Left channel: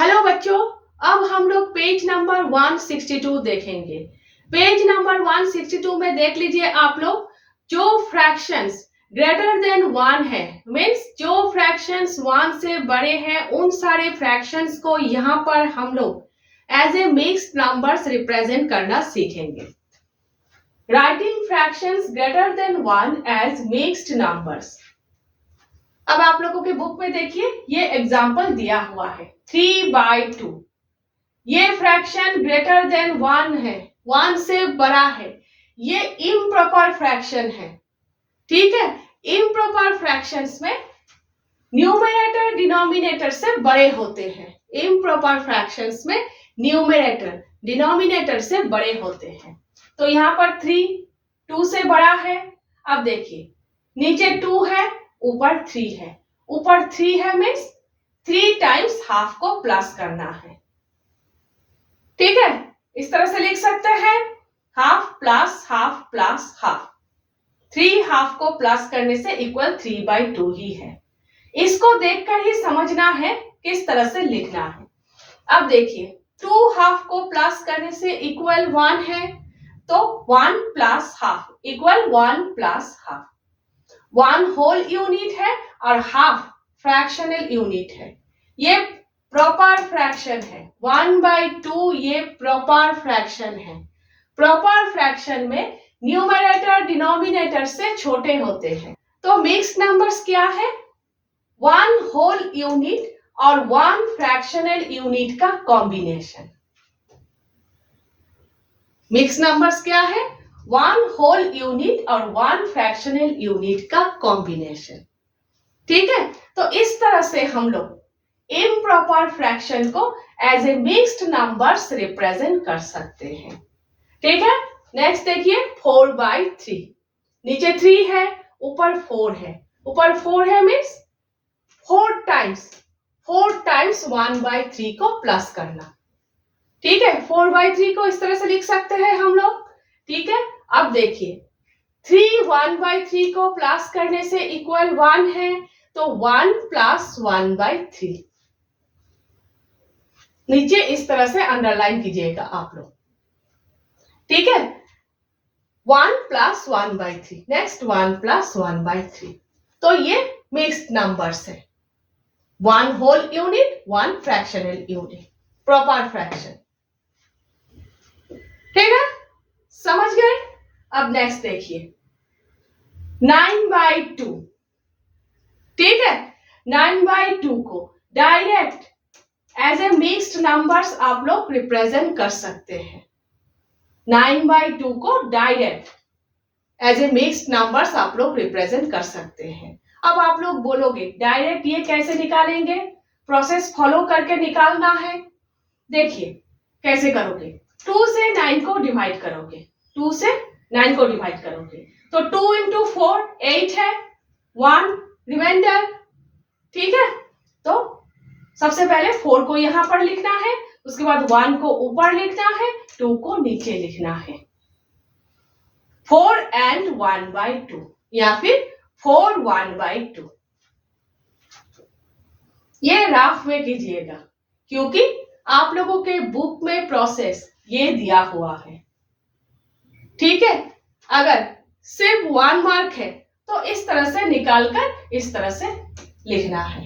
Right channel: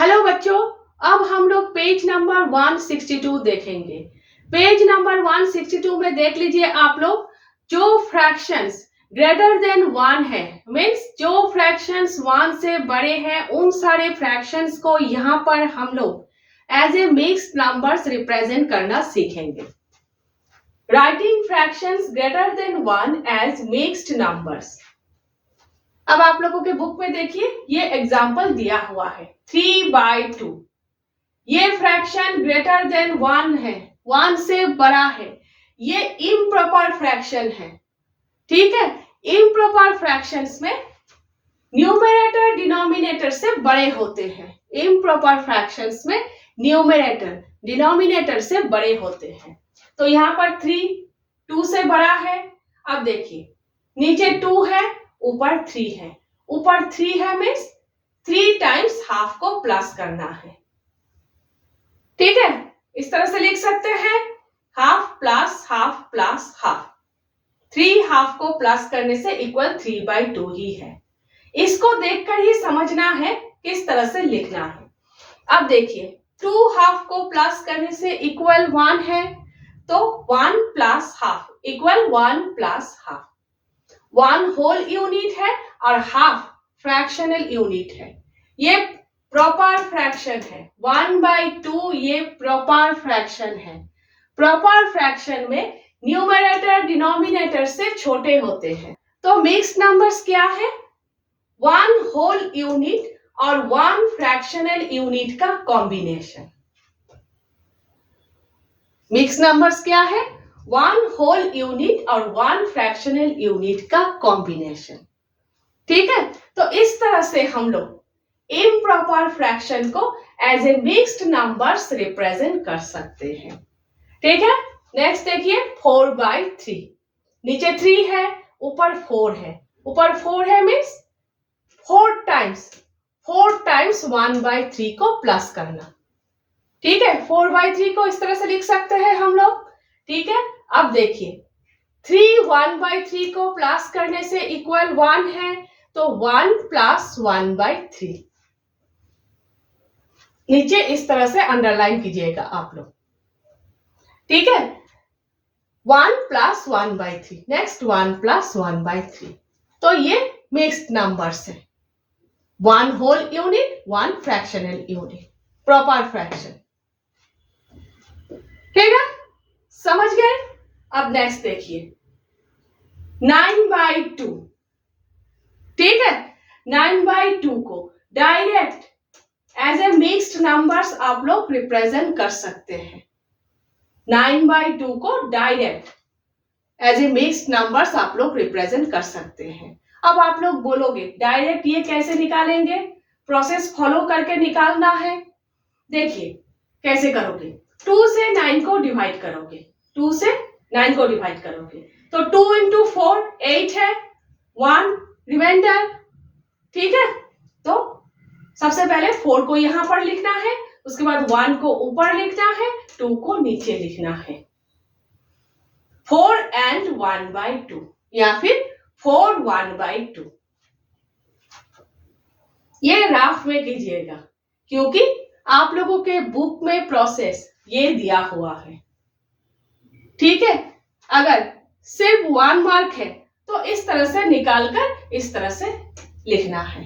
Hello बच्चों, अब हम लोग पेज नंबर 162 देखेंगे। पेज नंबर 162 में देख लीजिए आप लोग, जो फ्रैक्शंस ग्रेटर देन 1 है, मीन्स जो फ्रैक्शंस 1 से बड़े हैं, उन सारे फ्रैक्शंस को यहाँ पर हम लोग as a mixed numbers represent करना सीखेंगे। Writing fractions greater than 1 as mixed numbers. अब आप लोगों के बुक में देखिए, ये एग्जाम्पल दिया हुआ है 3/2। ये फ्रैक्शन ग्रेटर देन 1 है, 1 से बड़ा है। ये इम्प्रॉपर फ्रैक्शन है, ठीक है। इम्प्रॉपर फ्रैक्शंस में न्यूमरेटर डिनोमिनेटर से बड़े होते हैं। इम्प्रॉपर फ्रैक्शंस में न्यूमरेटर डिनोमिनेटर से बड़े होते हैं। तो यहाँ पर 3 2 से बड़ा है। अब देखिए, नीचे 2 है, ऊपर 3 है। ऊपर 3 है मीन्स 3 टाइम्स हाफ को प्लस करना है, ठीक है। इस तरह से लिख सकते हैं, half plus half plus half. 3 half को प्लस करने से इक्वल 3/2 ही है। इसको देखकर ही समझना है किस तरह से लिखना है। अब देखिए, 2 हाफ को प्लस करने से इक्वल 1 है, तो 1 plus half equal 1 plus half. 1 whole unit है और हाफ फ्रैक्शनल यूनिट है। ये प्रॉपर फ्रैक्शन है। 1/2 ये प्रॉपर फ्रैक्शन है। प्रॉपर फ्रैक्शन में न्यूमरेटर डिनोमिनेटर से छोटे होते हैं। तो मिक्स्ड नंबर्स क्या है? 1 होल यूनिट और 1 फ्रैक्शनल यूनिट का कॉम्बिनेशन। मिक्स्ड नंबर्स क्या है? 1 होल यूनिट और 1 फ्रैक्शनल यूनिट का कॉम्बिनेशन, ठीक है। तो इस तरह से हम लोग इम्प्रॉपर फ्रैक्शन को as a mixed numbers represent कर सकते हैं, ठीक है। नेक्स्ट देखिए, 4/3। नीचे 3 है, ऊपर 4 है। ऊपर 4 है मीन्स 4 टाइम्स 1/3 को प्लस करना, ठीक है। 4/3 को इस तरह से लिख सकते हैं हम लोग, ठीक है। अब देखिए, 3 1/3 को प्लस करने से इक्वल 1 है, तो 1 प्लस 1/3। नीचे इस तरह से अंडरलाइन कीजिएगा आप लोग, ठीक है। 1 प्लस 1/3। Next 1 plus 1/3। तो ये मिक्स्ड नंबर्स है। 1 whole unit, 1 fractional unit, proper fraction, ठीक है। समझ गए? अब नेक्स्ट देखिए, 9/2, ठीक है। 9/2 को direct as a mixed numbers आप लोग रिप्रेजेंट कर सकते हैं। 9/2 को direct as a mixed numbers आप लोग रिप्रेजेंट कर सकते हैं। अब आप लोग बोलोगे डायरेक्ट ये कैसे निकालेंगे? प्रोसेस फॉलो करके निकालना है। देखिए कैसे करोगे, 2 से 9 को डिवाइड करोगे। 2 से 9 को डिवाइड करोगे तो 2 into 4 8 है, 1 रिमाइंडर, ठीक है। तो सबसे पहले 4 को यहां पर लिखना है, उसके बाद 1 को ऊपर लिखना है, 2 को नीचे लिखना है। 4 and 1/2 या फिर 4 1/2। ये राफ में कीजिएगा, क्योंकि आप लोगों के बुक में प्रोसेस ये दिया हुआ है, ठीक है। अगर सिर्फ 1 मार्क है तो इस तरह से निकालकर इस तरह से लिखना है,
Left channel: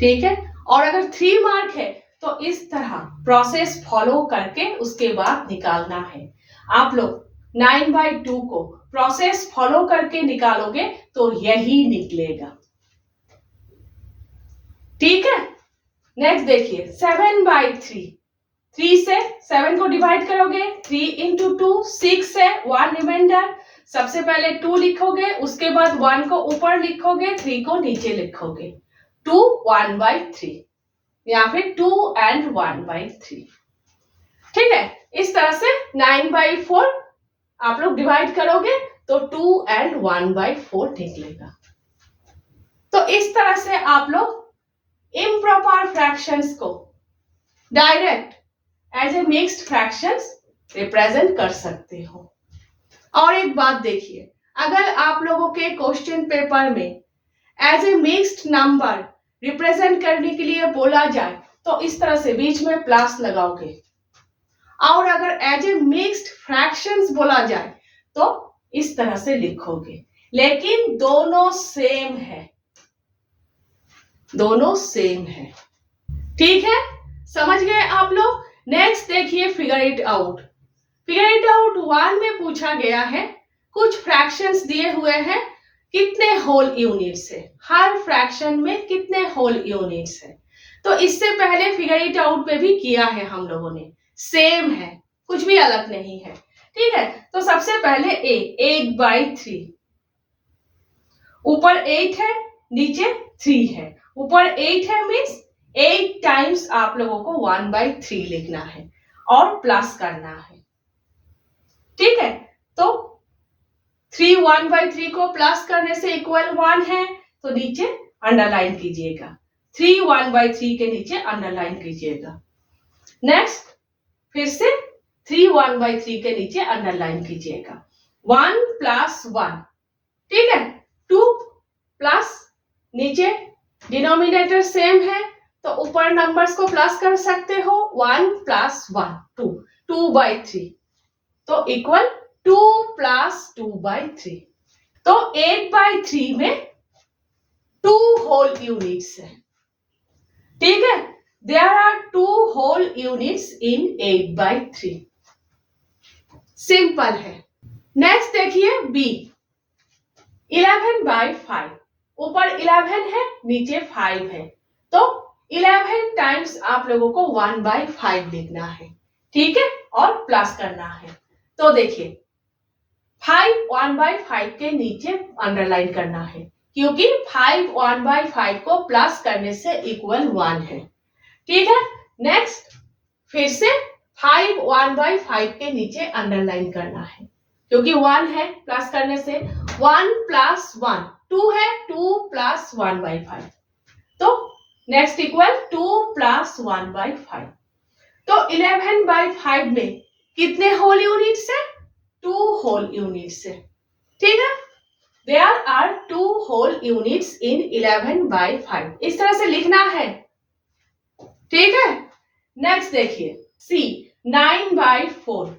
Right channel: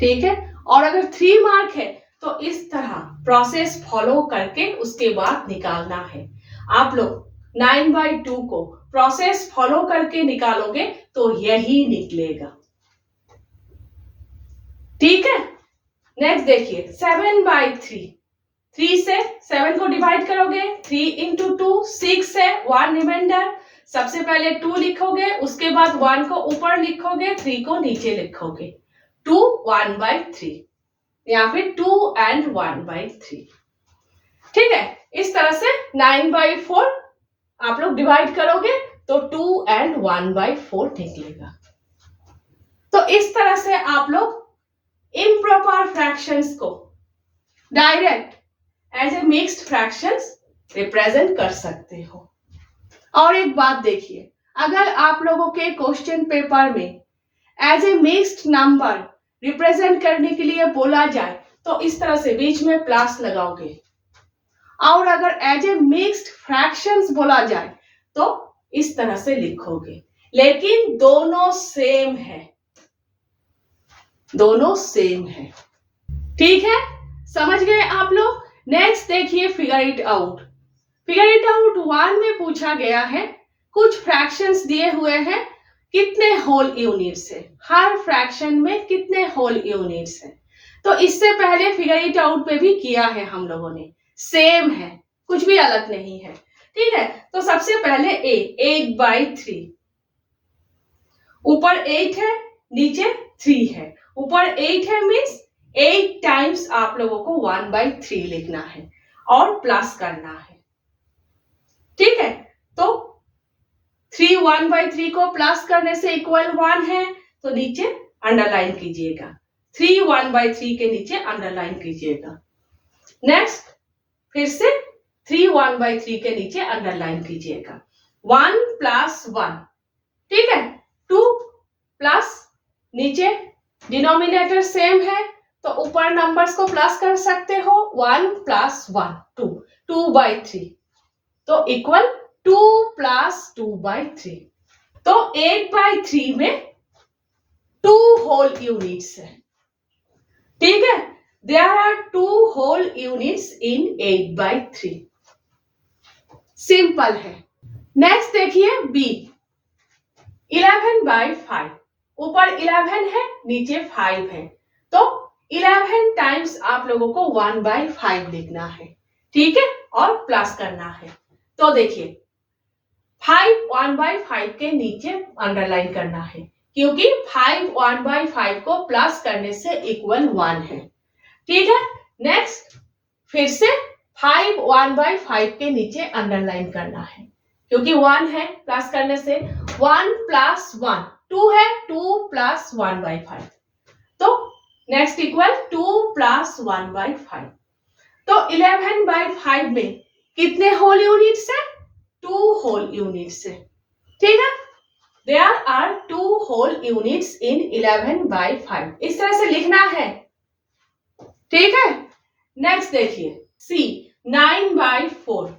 ठीक है। और अगर 3 मार्क है तो इस तरह प्रोसेस फॉलो करके उसके बाद निकालना है। आप लोग 9/2 को प्रोसेस फॉलो करके निकालोगे तो यही निकलेगा, ठीक है। नेक्स्ट देखिए, 7/3। 3 से 7 को डिवाइड करोगे, 3 into 2 6 है, 1 रिमाइंडर। सबसे पहले 2 लिखोगे, उसके बाद 1 को ऊपर लिखोगे, 3 को नीचे लिखोगे। 2 1/3 या फिर 2 and 1/3, ठीक है। इस तरह से 9/4 आप लोग डिवाइड करोगे तो 2 and 1/4 निकलेगा। तो इस तरह से आप लोग इम्प्रॉपर फ्रैक्शंस को direct as a mixed fractions represent कर सकते हो। और एक बात देखिए, अगर आप लोगों के क्वेश्चन पेपर में as a mixed number represent करने के लिए बोला जाए तो इस तरह से बीच में प्लस लगाओगे। और अगर एज ए मिक्स्ड फ्रैक्शंस बोला जाए तो इस तरह से लिखोगे, लेकिन दोनों सेम है, दोनों सेम है। ठीक है, समझ गए आप लोग। नेक्स्ट देखिए figure it out. Figure it out 1 में पूछा गया है, कुछ फ्रैक्शंस दिए हुए हैं, कितने होल यूनिट्स है, हर फ्रैक्शन में कितने होल यूनिट्स है। तो इससे पहले फिगर इट आउट पे भी किया है हम लोगों ने, सेम है, कुछ भी अलग नहीं है। ठीक है, तो सबसे पहले 8/3, ऊपर 8 है नीचे 3 है, ऊपर 8 है मीन्स 8 टाइम्स आप लोगों को 1/3 लिखना है और प्लस करना है। ठीक है, तो 3 1/3 को प्लस करने से इक्वल 1 है, तो नीचे अंडरलाइन कीजिएगा, 3 1/3 के नीचे अंडरलाइन कीजिएगा। नेक्स्ट फिर से 3 1/3 के नीचे अंडरलाइन कीजिएगा, 1 + 1। ठीक है, 2 प्लस नीचे डिनोमिनेटर सेम है तो ऊपर नंबर्स को प्लस कर सकते हो, 1 + 1 2, 2/3 तो इक्वल 2 + 2/3। तो 8/3 में 2 होल यूनिट्स है। ठीक है, there are 2 whole units in 8/3। Simple है। नेक्स्ट देखिए बी, 11/5, ऊपर 11 है नीचे 5 है, तो 11 टाइम्स आप लोगों को 1/5 लिखना है। ठीक है, और प्लस करना है। तो देखिए 5 1/5 के नीचे अंडरलाइन करना है, क्योंकि 5 1/5 को प्लस करने से इक्वल 1 है। ठीक है, नेक्स्ट फिर से 5 1/5 के नीचे अंडरलाइन करना है, क्योंकि 1 है, प्लस करने से 1 + 1 2 है, 2 + 1/5 तो नेक्स्ट इक्वल 2 + 1/5। तो 11/5 में कितने होल यूनिट्स है, 2 होल यूनिट्स है। ठीक है, there are 2 whole units in 11/5, इस तरह से लिखना है। ठीक है, नेक्स्ट देखिए सी, 9/4,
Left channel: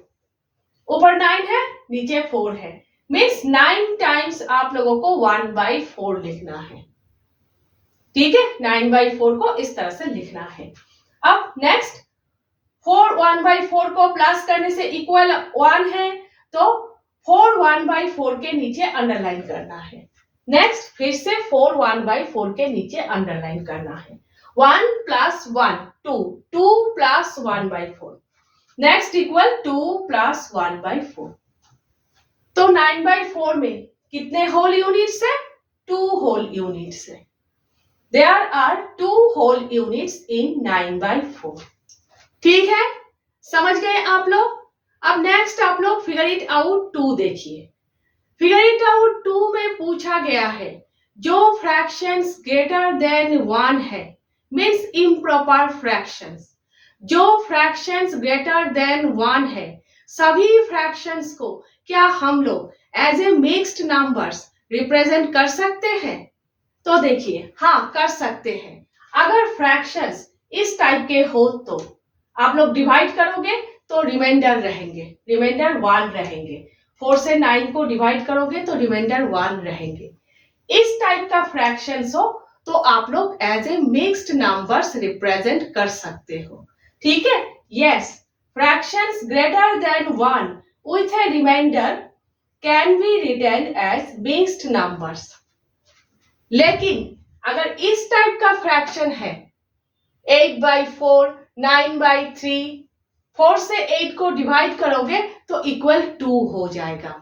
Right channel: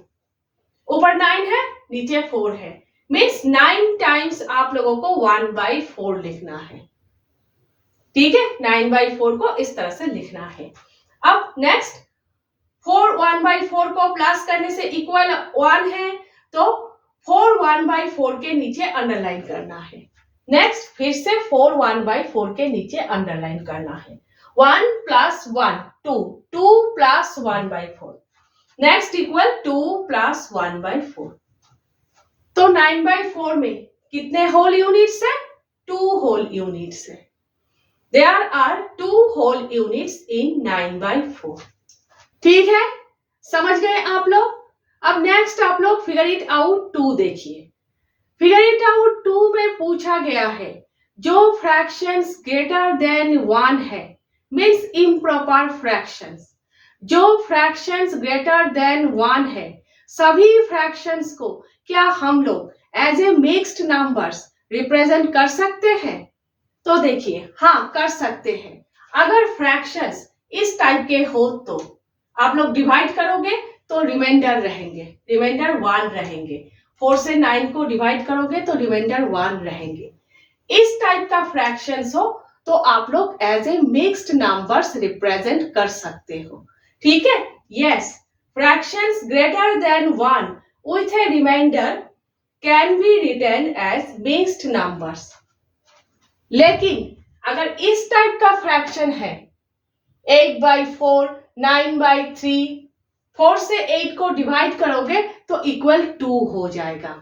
ऊपर 9 है नीचे 4 है, मीन्स 9 टाइम्स आप लोगों को 1/4 लिखना है। ठीक है, 9/4 को इस तरह से लिखना है। अब नेक्स्ट 4 1/4 को प्लस करने से इक्वल 1 है, तो 4 1/4 के नीचे अंडरलाइन करना है। नेक्स्ट फिर से 4 1/4 के नीचे अंडरलाइन करना है, 1 + 1 2, 2 + 1/4 नेक्स्ट इक्वल 2 + 1/4। तो 9/4 में कितने होल यूनिट्स है, 2 होल यूनिट्स है। There are 2 whole units in 9/4। ठीक है, समझ गए आप लोग। अब नेक्स्ट आप लोग फिगर इट आउट 2 देखिए। फिगर इट आउट 2 में पूछा गया है, जो फ्रैक्शंस ग्रेटर देन 1 है, मीन्स इम्प्रॉपर फ्रैक्शंस, जो फ्रैक्शंस ग्रेटर देन 1 है, सभी फ्रैक्शंस को क्या हम लोग as a mixed numbers represent कर सकते हैं। तो देखिए हाँ, कर सकते हैं। अगर फ्रैक्शंस इस टाइप के हो तो आप लोग डिवाइड करोगे तो रिमाइंडर रहेंगे, रिमाइंडर 1 रहेंगे। 4 से 9 को डिवाइड करोगे तो रिमाइंडर 1 रहेंगे। इस टाइप का फ्रैक्शंस हो तो आप लोग as a mixed numbers represent कर सकते हो। ठीक है, yes, fractions greater than 1 with a remainder can be written as mixed numbers. लेकिन अगर इस टाइप का फ्रैक्शन है 8/4 9/3, 4 से 8 को डिवाइड करोगे तो इक्वल 2 हो जाएगा,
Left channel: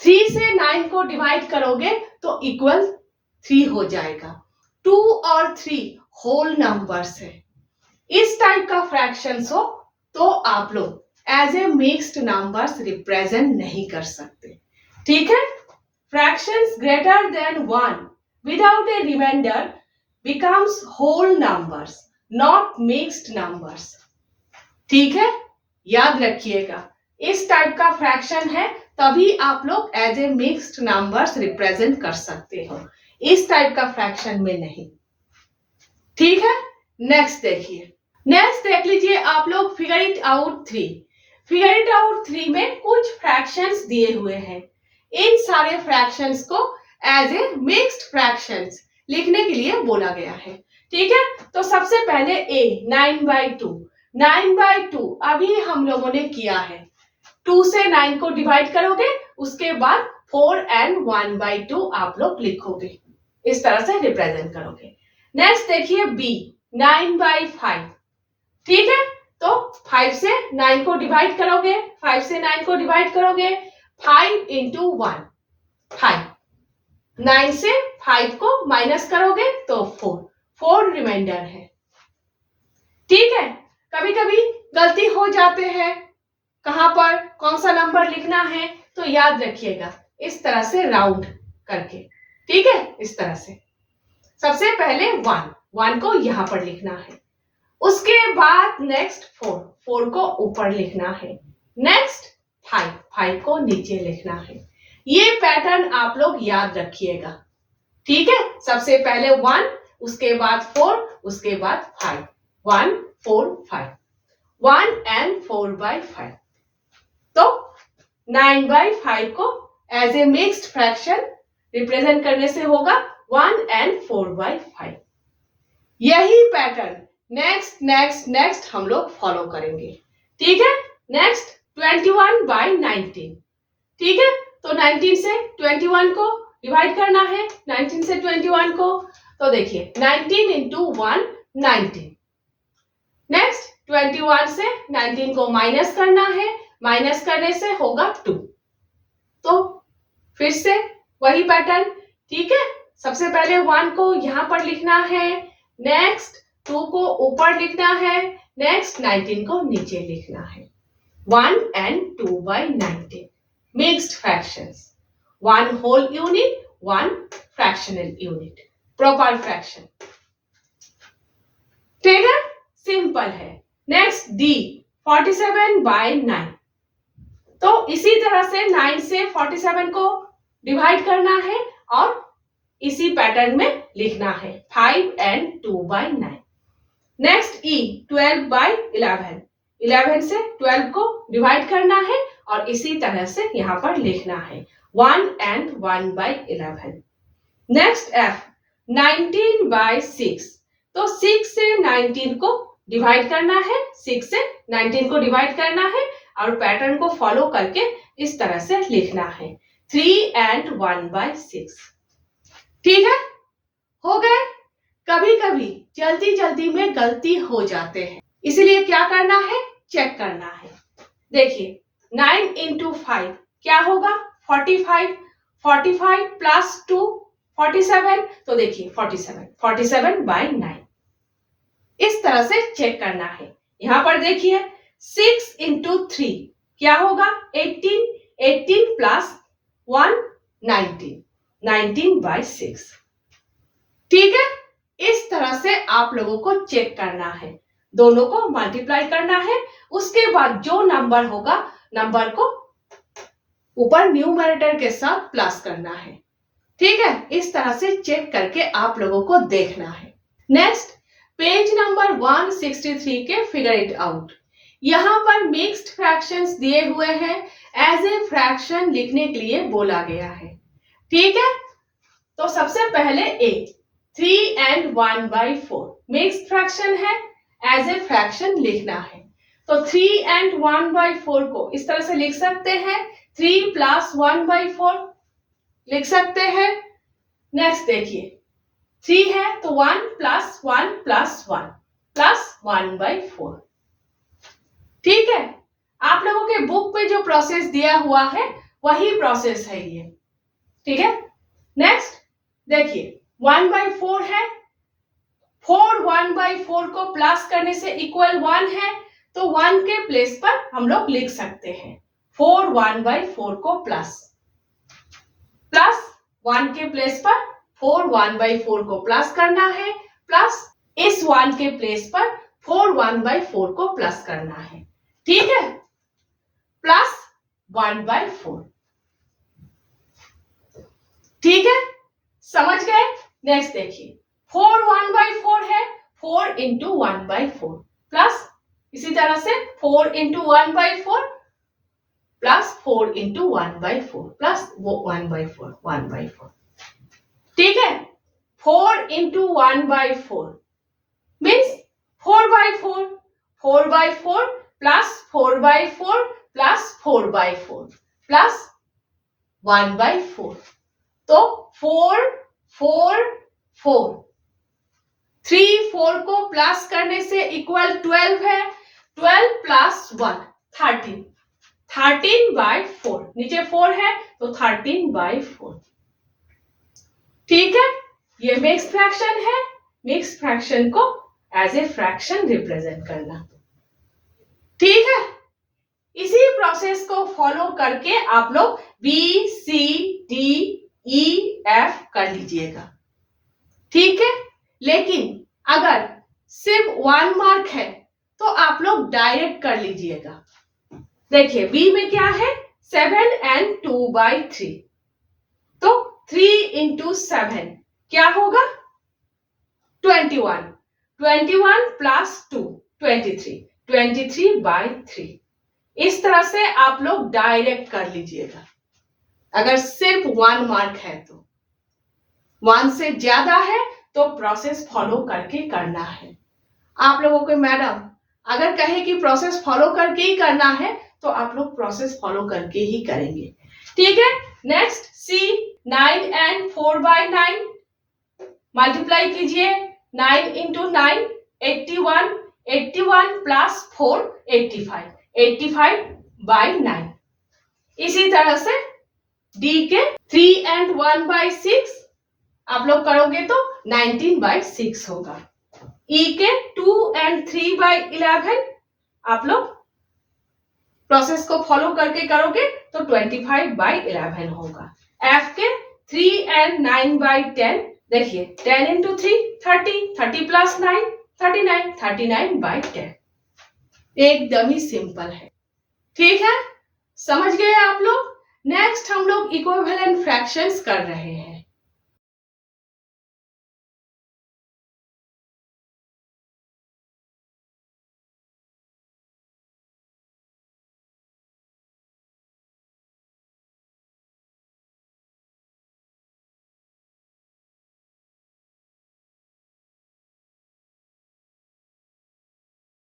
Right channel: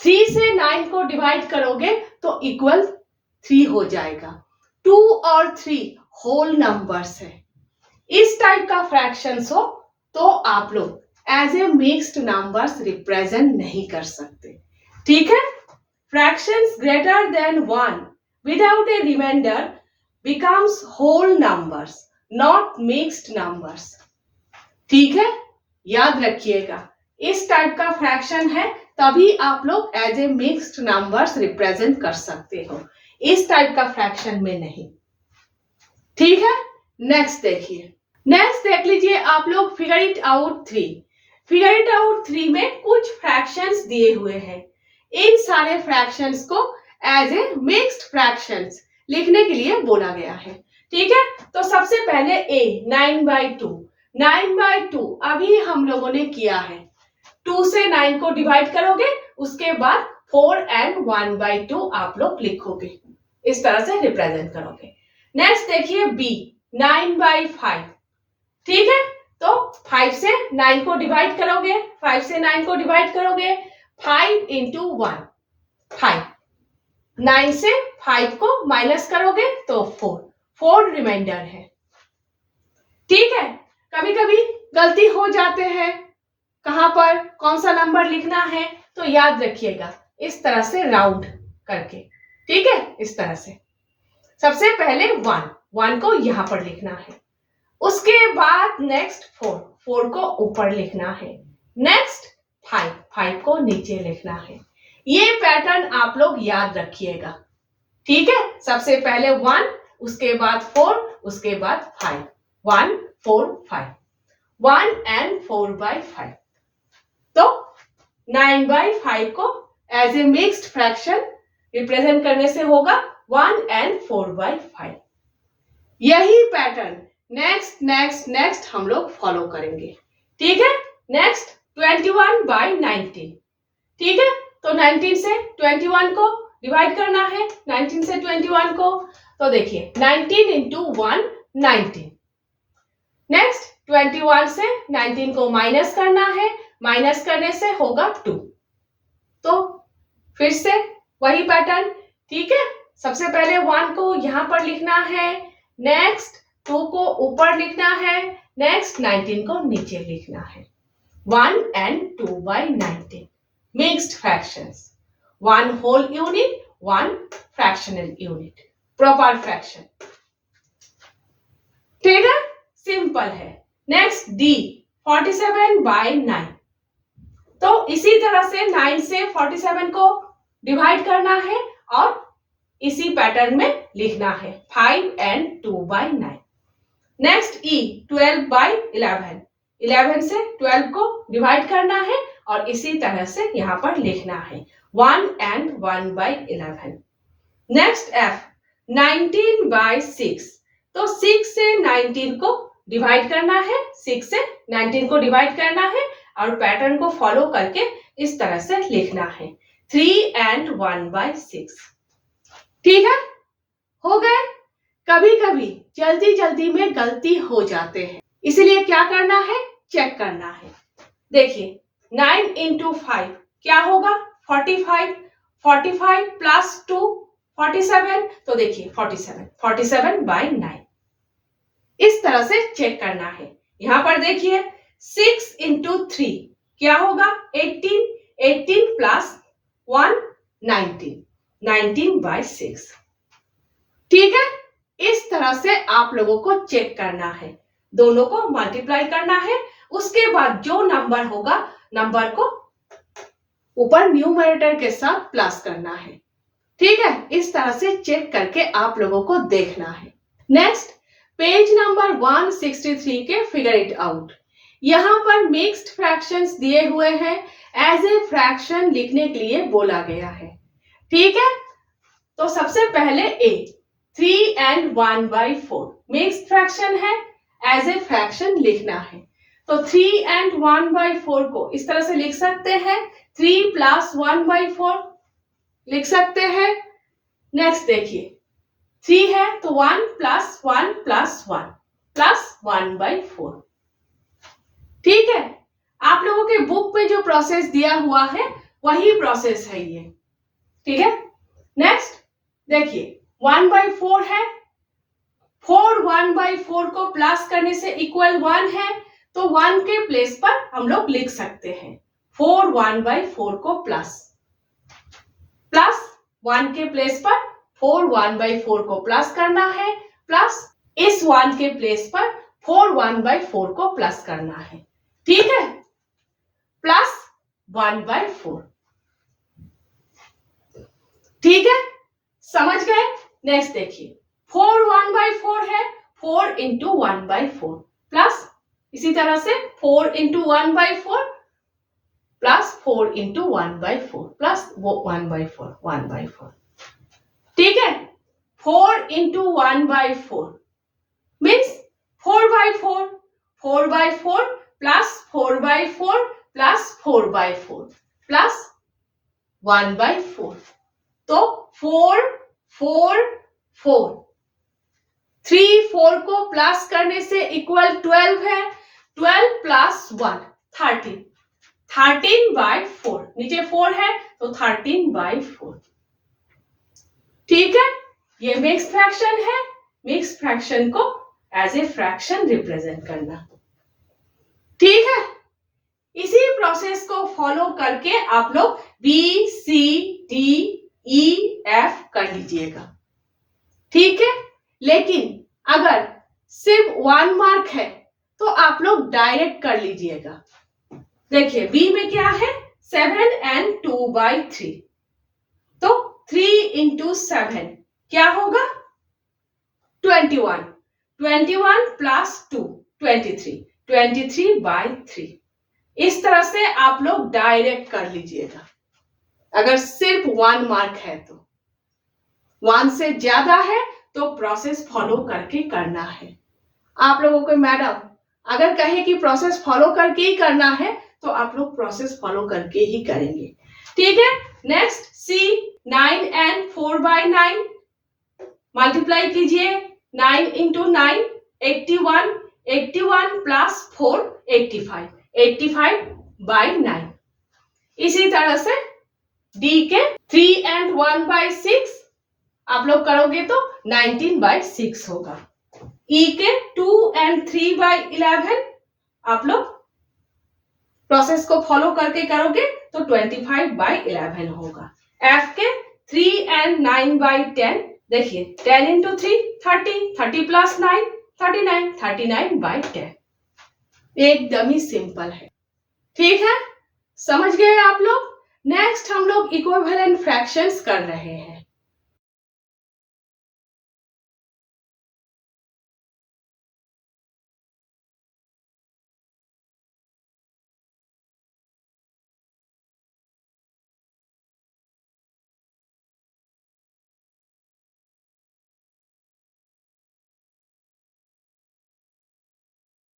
3 से 9 को डिवाइड करोगे तो इक्वल 3 हो जाएगा। 2 और 3 होल नंबर्स है। इस टाइप का फ्रैक्शंस हो तो आप लोग as a mixed numbers represent नहीं कर सकते। ठीक है, fractions greater than 1 without a remainder becomes whole numbers, not mixed numbers. ठीक है, याद रखिएगा, इस टाइप का फ्रैक्शन है तभी आप लोग as a mixed numbers represent कर सकते हो, इस टाइप का फ्रैक्शन में नहीं। ठीक है, नेक्स्ट देखिए नेक्स्ट देख लीजिए आप लोग figure it out 3। Figure it out 3 में कुछ फ्रैक्शंस दिए हुए हैं। इन सारे फ्रैक्शंस को एज ए मिक्स्ड फ्रैक्शंस लिखने के लिए बोला गया है। ठीक है, तो सबसे पहले ए 9/2। 9/2 अभी हम लोगों ने किया है। 2 से 9 को डिवाइड करोगे, उसके बाद 4 एंड 1/2 आप लोग लिखोगे, इस तरह से रिप्रेजेंट करोगे। नेक्स्ट देखिए बी 9/5। ठीक है, तो 5 से 9 को डिवाइड करोगे, 5 से 9 को डिवाइड करोगे, 5 इंटू 1 5। 9 से 5 को माइनस करोगे तो 4 रिमाइंडर है। ठीक है, कभी कभी गलती हो जाते हैं, कहां पर कौन सा नंबर लिखना है, तो याद रखिएगा इस तरह से राउंड करके। ठीक है, इस तरह से सबसे पहले 1 को यहां पर लिखना है, उसके बाद नेक्स्ट 4 को ऊपर लिखना है, नेक्स्ट 5 को नीचे लिखना है। ये पैटर्न आप लोग याद रखिएगा। ठीक है, सबसे पहले 1, उसके बाद 4, उसके बाद 5, 1 4 5, 1 एंड 4/5। तो 9/5 को as a mixed fraction represent करने से होगा 1 एंड 4/5। यही पैटर्न नेक्स्ट हम लोग फॉलो करेंगे। ठीक है, नेक्स्ट 21/19। ठीक है, तो 19 से 21 को डिवाइड करना है, 19 से 21 को, तो देखिए 19 इंटू 1 19। नेक्स्ट 21 से 19 को माइनस करना है, माइनस करने से होगा 2। तो फिर से वही पैटर्न। ठीक है, सबसे पहले 1 को यहां पर लिखना है, नेक्स्ट 2 को ऊपर लिखना है, नेक्स्ट 19 को नीचे लिखना है। 1 and 2/19 mixed fractions, 1 whole unit, 1 fractional unit, proper fraction. ठीक है, सिंपल है। Next D 47/9। तो इसी तरह से 9 से 47 को डिवाइड करना है और इसी पैटर्न में लिखना है, 5 एंड 2/9। नेक्स्ट ई 12/11। 11 से 12 को डिवाइड करना है और इसी तरह से यहां पर लिखना है, 1 एंड 1/11। Next F 19/6। तो 6 से 19 को डिवाइड करना है, 6 से 19 को डिवाइड करना है और पैटर्न को फॉलो करके इस तरह से लिखना है, 3 एंड 1/6। ठीक है, हो गए। कभी कभी जल्दी में गलती हो जाते हैं, इसीलिए क्या करना है, चेक करना है। देखिए 9 इंटू 5 क्या होगा, 45। 45 प्लस 2 47। तो देखिए 47/9। इस तरह से चेक करना है। यहां पर देखिए 6 इंटू 3 क्या होगा, 18। 18 प्लस 1 19। 19/6। ठीक है, इस तरह से आप लोगों को चेक करना है, दोनों को मल्टीप्लाई करना है, उसके बाद जो नंबर होगा नंबर को ऊपर न्यूमरेटर के साथ प्लस करना है। ठीक है, इस तरह से चेक करके आप लोगों को देखना है। नेक्स्ट पेज नंबर 163 के फिगर इट आउट। यहां पर मिक्स्ड फ्रैक्शंस दिए हुए हैं, एज ए फ्रैक्शन लिखने के लिए बोला गया है। ठीक है, तो सबसे पहले ए 3 एंड 1/4 मिक्स्ड फ्रैक्शन है, एज ए फ्रैक्शन लिखना है। तो 3 एंड 1/4 को इस तरह से लिख सकते हैं, 3 प्लस 1/4 लिख सकते हैं। नेक्स्ट देखिए 3 है तो 1 प्लस 1 प्लस 1 प्लस 1/4। ठीक है, आप लोगों के बुक पे जो प्रोसेस दिया हुआ है वही प्रोसेस है ये। ठीक है, नेक्स्ट देखिए 1/4 है, 4 1/4 को प्लस करने से इक्वल 1 है, तो 1 के प्लेस पर हम लोग लिख सकते हैं 4 1/4 को प्लस 1 के प्लेस पर 4 1/4 को प्लस करना है, प्लस इस 1 के प्लेस पर 4 1/4 को प्लस करना है। ठीक है, प्लस 1/4। ठीक है, समझ गए। नेक्स्ट देखिए 4 1/4 है, 4 इंटू 1/4 प्लस इसी तरह से 4 इंटू 1/4 प्लस 4 इंटू 1/4 प्लस वो 1/4 ठीक है। 4 into 1/4 means 4/4 4/4 plus 4/4 plus 4/4 plus 1/4 तो 4 4 4 3 4 को प्लस करने से इक्वल 12 है। 12 प्लस 1 13 13/4 नीचे 4 है तो 13/4 ठीक है। ये मिक्स फ्रैक्शन है। मिक्स फ्रैक्शन को एज ए फ्रैक्शन रिप्रेजेंट करना ठीक है। इसी प्रोसेस को फॉलो करके आप लोग B C D E F कर लीजिएगा ठीक है। लेकिन अगर सिर्फ 1 मार्क है तो आप लोग डायरेक्ट कर लीजिएगा। देखिए B में क्या है 7 and 2/3 तो 3 into 7 क्या होगा 21 21 plus 2 23 23/3 इस तरह से आप लोग डायरेक्ट कर लीजिएगा। अगर सिर्फ 1 मार्क है तो 1 से ज्यादा है तो प्रोसेस फॉलो करके करना है। आप लोगों को मैडम अगर कहे कि प्रोसेस फॉलो करके ही करना है तो आप लोग प्रोसेस फॉलो करके ही करेंगे ठीक है। नेक्स्ट C 9 and 4/9 मल्टीप्लाई कीजिए 9 into 9 81 81 plus 4 85 85/9 इसी तरह से D के 3 and 1/6 आप लोग करोगे तो 19/6 होगा। E के 2 and 3/11 आप लोग प्रोसेस को फॉलो करके करोगे तो 25/11 होगा। F के 3 and 9/10 देखिए 10 into 3 30 30 plus 9 39 39/10 एकदम ही सिंपल है ठीक है। समझ गए आप लोग। नेक्स्ट हम लोग इक्विवेलेंट फ्रैक्शंस कर रहे हैं।